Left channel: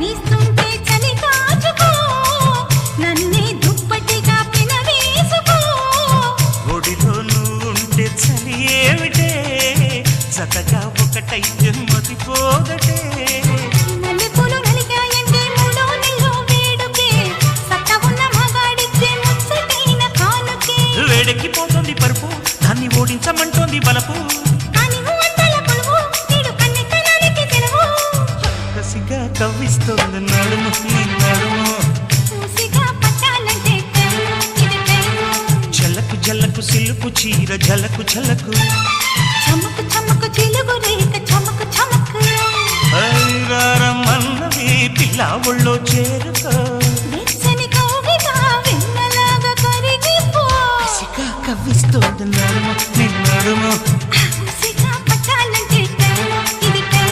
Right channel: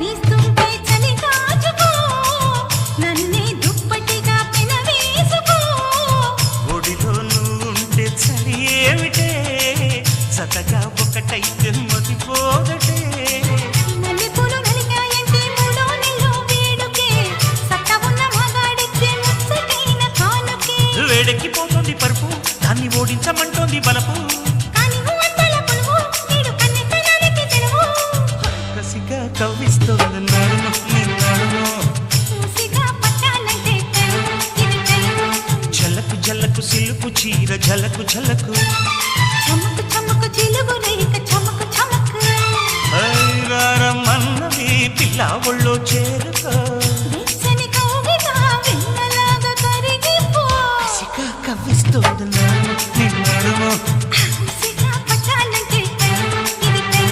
వీస్తుంటే చలి కాచుకో నన్నే దుప్పటిగా పెనవేసుకో ఒడిలో నువ్వుంటే చలి ఏమిటే జతగా ఒకటైతే మతిపోదటే మల్లెపూలు నలిగాయంటే మూడో నెలలో వేడుకే సత్త ఉన్న మగాడిచ్చే ముచ్చటైన కానుకే వేడెక్కిపోతుంది పరుపు దాన్ని ఓడించమంటోంది బలపు కానీ అంతల కొలువు నీడు కన్నెతనానికి తెలవు కసిగా కవ్విస్తోంది నడుము నీ నడుము చూసిగా పట్టాలంటే టైము ఇది టైము జలకు జలకు సిలుకు చీర జలకు జలకు చమకు చమకు చిలుగు రేఖ చమకు చమకు ఐరారమన్నవి పిల్ల ఒళ్ళో చేరుకో వెచ్చని కౌగిట వెన్నలాగా కరిగిపో కసిగా కవ్విస్తోంది నడుము నీ నడుము